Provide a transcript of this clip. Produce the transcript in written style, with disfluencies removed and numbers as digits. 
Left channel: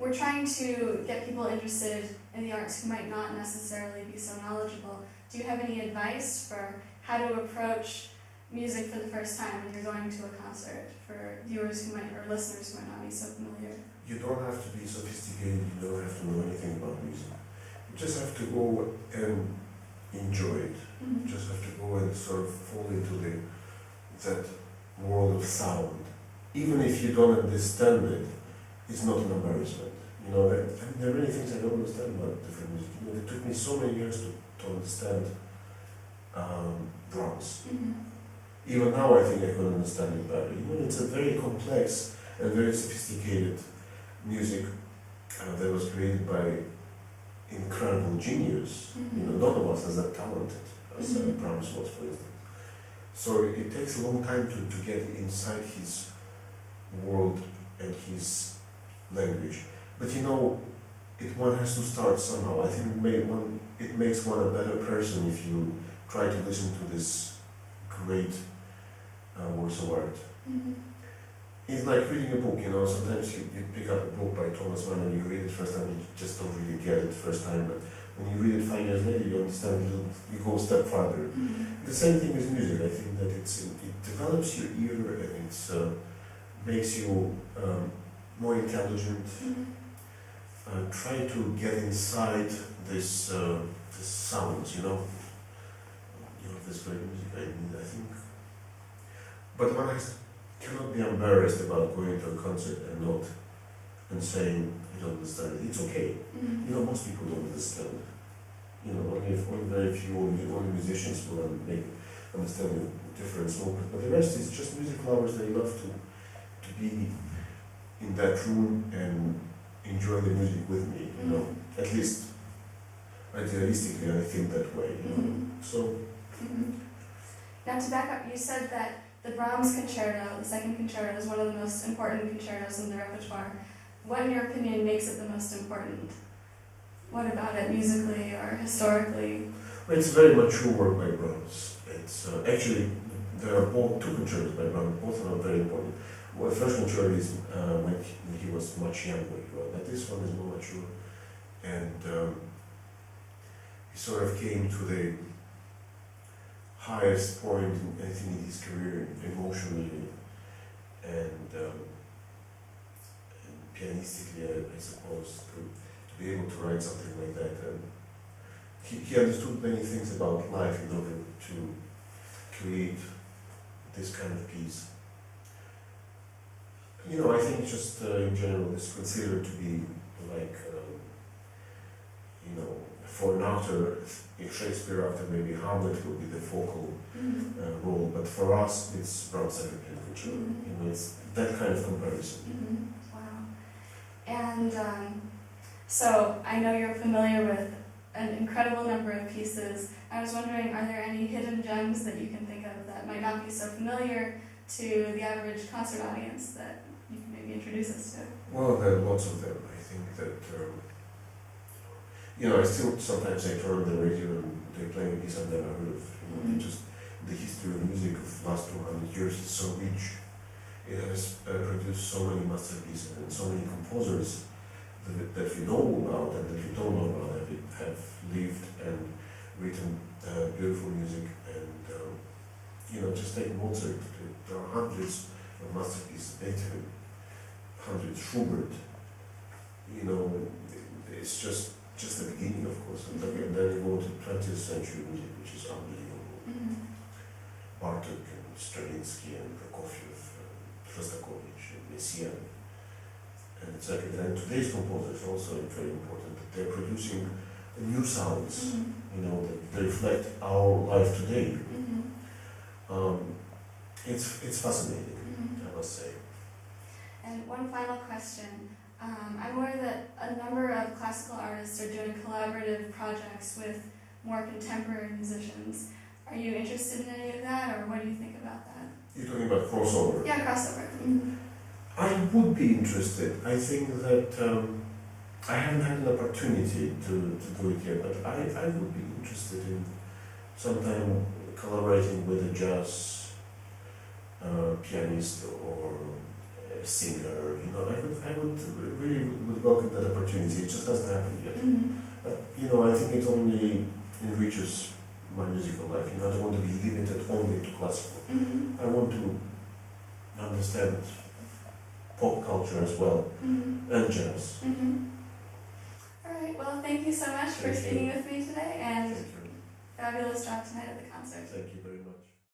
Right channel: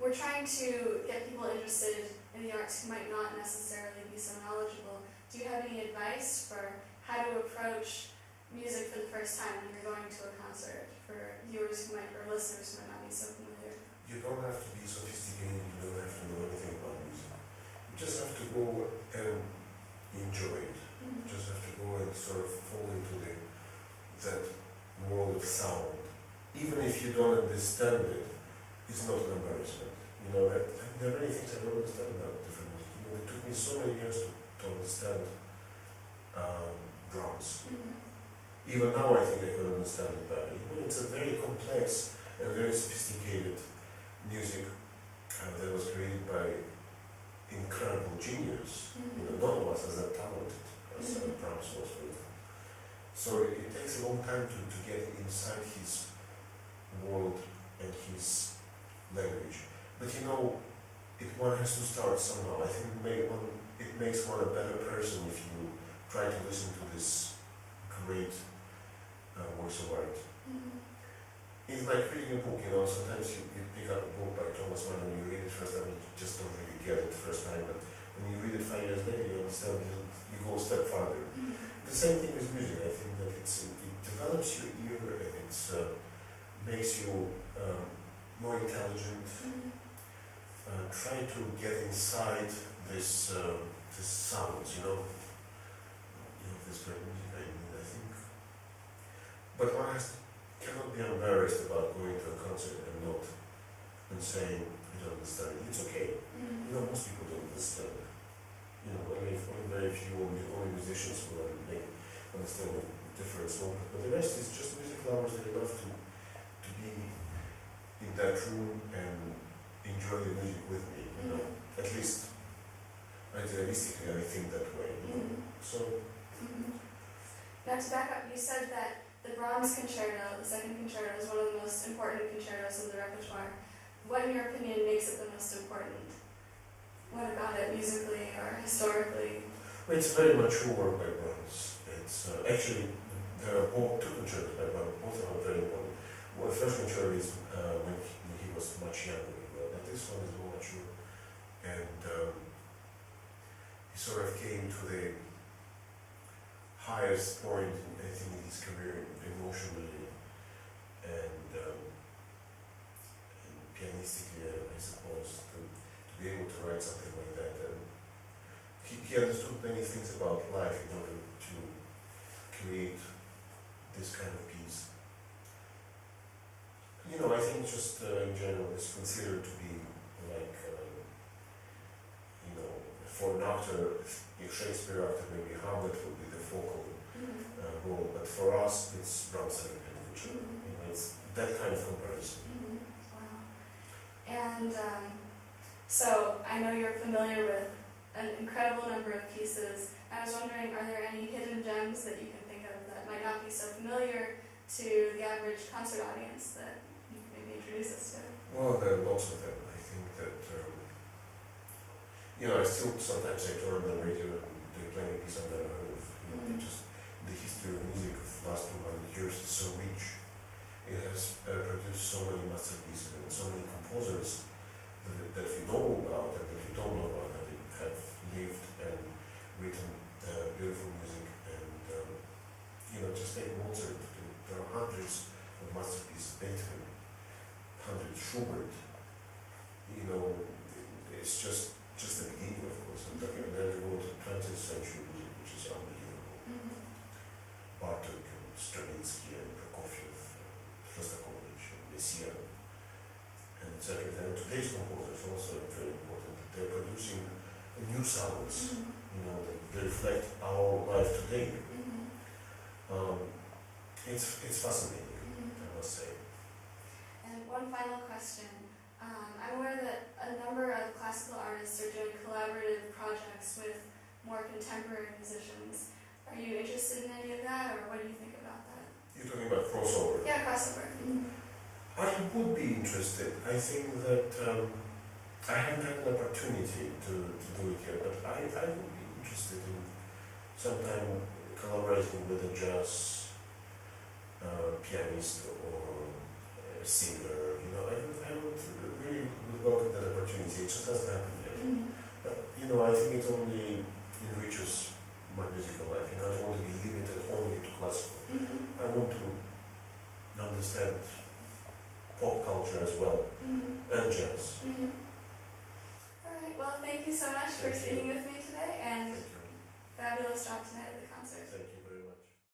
we're trying to get people interested in the arts who might not necessarily be so knowledgeable. Do you have any advice for how to approach music for the first time when you're going to a concert for viewers who might, or listeners who might not be so familiar? You don't have to be sophisticated, you don't have to know anything about music. You just have to go and enjoy it. Mm-hmm. You just have to go and sort of fall into that world of sound. Even if you don't understand it, it's not an embarrassment. You know, there are many things I don't understand about different music. You know, it took me so many years to understand Brahms. Mm-hmm. Even now I think I can understand it better. You know, it's a very complex and very sophisticated music that was created by incredible genius. Mm-hmm. You know, none of us is that talented as Mm-hmm. Brahms was, for instance. So it takes a long time to get inside his world and his language. But you know, one has to start somehow. I think it makes one a better person if you try to listen to this great works of art. Mm-hmm. It's like reading a book, you know, sometimes you pick up a book by Thomas Mann and you read it first time, you just don't really get it first time, but when you read it 5 years later, you understand, you go a step further. Mm-hmm. The same thing with music. I think that it develops your ear and it makes you more intelligent. Mm-hmm. Try to get inside this sounds, you know, this great music. I think, but one cannot be embarrassed about going to a concert and saying you don't understand it. It's okay. Mm-hmm. You know, most people don't understand. You know, only very few, only musicians will understand the difference. But the rest is just music lovers. They love to be in that room and enjoy the music with me. You know, at least idealistically, I think that way. You know, so. Mm-hmm. Now to back up, you said that the Brahms concerto, the second concerto, is one of the most important concertos in the repertoire. What, in your opinion, makes it the most important? What about it, musically or historically? Well, it's a very mature work by Brahms. It's actually, there are two concertos by Brahms, both are very important. Well, the first concerto is when he was much younger, but this one is more mature. And he sort of came to the highest point, I think, in his career, emotionally and pianistically, I suppose, to be able to write something like that. And he understood many things about life in order to create this kind of piece. You know, I think just in general, it's considered to be like, you know, for an actor, if Shakespeare actor, maybe Hamlet will be the focal role, but for us, it's Brahms second concerto. You know, it's that kind of comparison. Wow. And so I know you're familiar with an incredible number of pieces. I was wondering, are there any hidden gems that you can think of that might not be so familiar to the average concert audience that you can maybe introduce us to? Well, there are lots of them. I think that, you know, I still sometimes I turn on the radio and they're playing a piece I've never heard of. You know, just the history of music of the last 200 years is so rich. It has produced so many masterpieces and so many composers that we know about and that we don't know about, have lived and written beautiful music. And you know, just take Mozart. There are hundreds of masterpieces. Beethoven, hundreds. Schubert. You know, it's just the beginning, of course. And then you go to 20th century music, which is unbelievable. Bartók and Stravinsky and Prokofiev, Shostakovich and Messiaen, and etc. And today's composers also are very important. That they're producing new sounds, you know, that reflect our life today. It's fascinating, I must say. And one final question. I'm aware that a number of classical artists are doing collaborative projects with more contemporary musicians. Are you interested in any of that, or what do you think about that? You're talking about crossover? Yeah, crossover. I would be interested. I think that I haven't had an opportunity to do it yet, but I would be interested in sometime collaborating with a jazz pianist or singer, you know, I would really would welcome that opportunity. It just hasn't happened yet. But, you know, I think it only enriches my musical life. You know, I don't want to be limited only to classical. I want to understand pop culture as well, and jazz. Alright, well, thank you so much for Thank you. speaking with me today, and Thank you. fabulous job tonight at the concert. Thank you very much.